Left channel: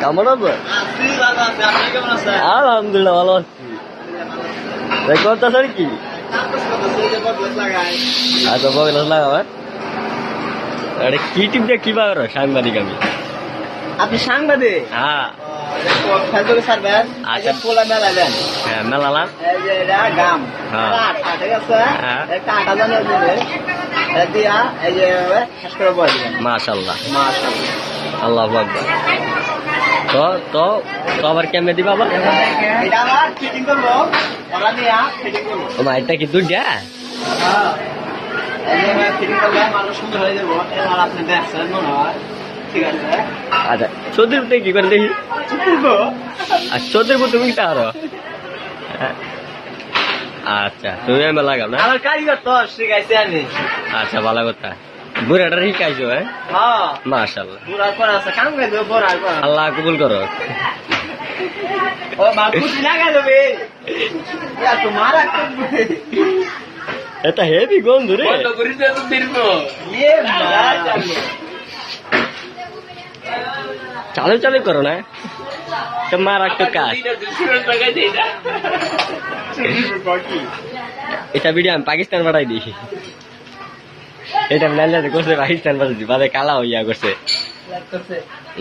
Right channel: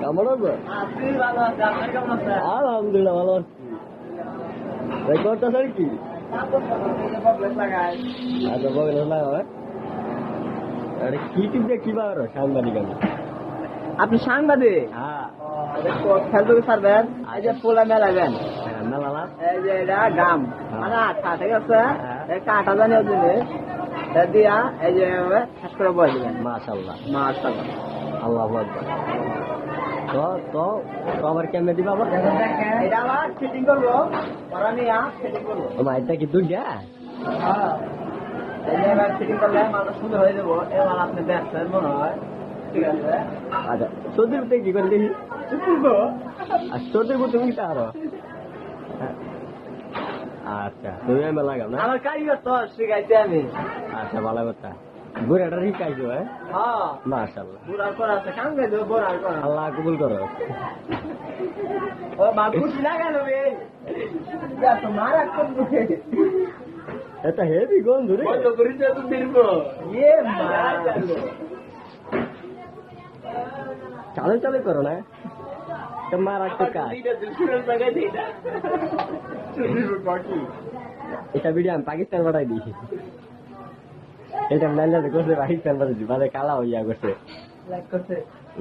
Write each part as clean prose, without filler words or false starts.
কেমন আছে? আলহামদুলিল্লাহ ভালো আছি। করতেছ কি? আচ্ছা বগলাস লাগাবে। আরে কি টিপ দিয়ে কি পাবো সাংবাদিক আমি। আপনি সাংবাদিক? হ্যাঁ ফেসবুকে ছাড়বেন, পোলা মেলাবেন। হ্যাঁ মেলালাম। এই যে এটা গাম, আঠা, ঠিক আছে? একটা আঠা জানিয়ে দিলে দিয়া এই যে শেষ করে বয়ে দিবেন। মাশাআল্লাহ মাশাআল্লাহ, আল্লাহু আকবার। তো তো তো আবার কেমনে দিবা আবার? এটা আবার ফিটিং করবো, ওরা নিয়ে ফিটিং করবো। ও মা এটা কি দুইটা? হ্যাঁ, এই যে ফিটিং করলে মানুষ সুন্দর হয়ে যাবো। এবার আপনি দেখছেন মনে হয়, ঠিক আছে? আচ্ছা চোদ্দের মধ্যে কি করে দেখি? আর চোদ্দের মধ্যে তুমি আরো আচ্ছা তুমি আমি লাগাম না। আমার কারিগর তো শিখাইছে আমি। আচ্ছা ভালো কথা। বুড়াটা শিখাইছো হ্যাঁ? হ্যাঁ মাশাআল্লাহ, বুড়ার পর আছে কাম করে দেবো, বুড়ার পর। আল্লাহ কবুল করো। ও বাবুজি লাগাই দেবে তোমার এটা হেভি গন্ধ রে। চালু চালু করো না, মার একটা কাজ। এটা ভিডিও আমি পাকিস্তান পাঠাই দিই। এটা ম্যানেজার করছে পাকিস্তান পাঠাই দিই, বাদে কালা হইয়া করছে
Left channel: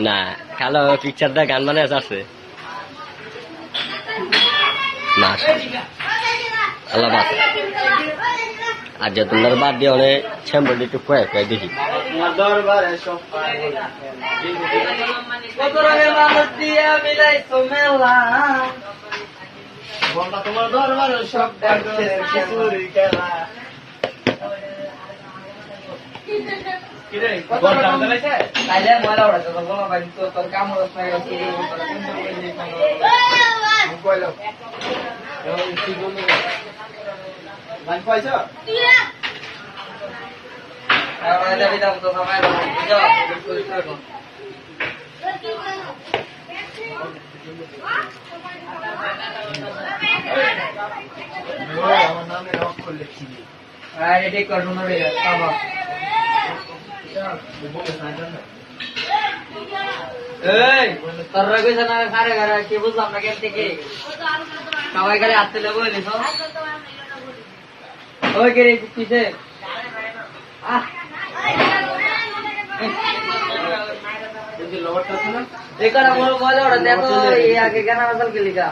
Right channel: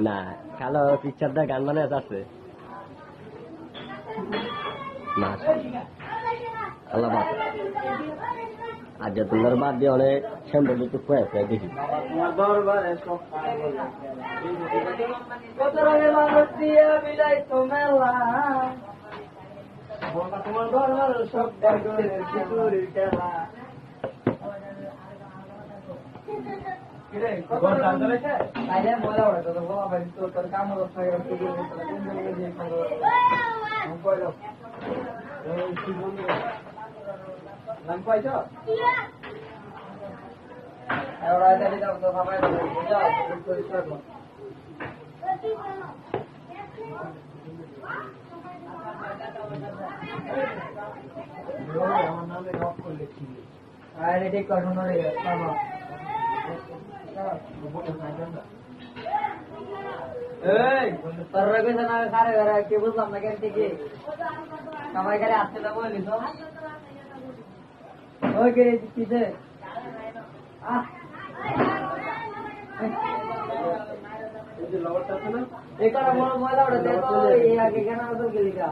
না, কালো পিকচার দা গান মানে আছে না। আল্লাহ বাদ আর যে তোমার বাদ দিয়ে অনেক শ্যাম্পু একটু খুয়াই খুয়াই দেখি। তোমার দরবারে সব খেলা কি বুঝলাম না কেন থেকে সবাই খালি আসতে লেবো ওই কে পিছে মজা ওটা দেখো আগে কেনা বদল के लिखा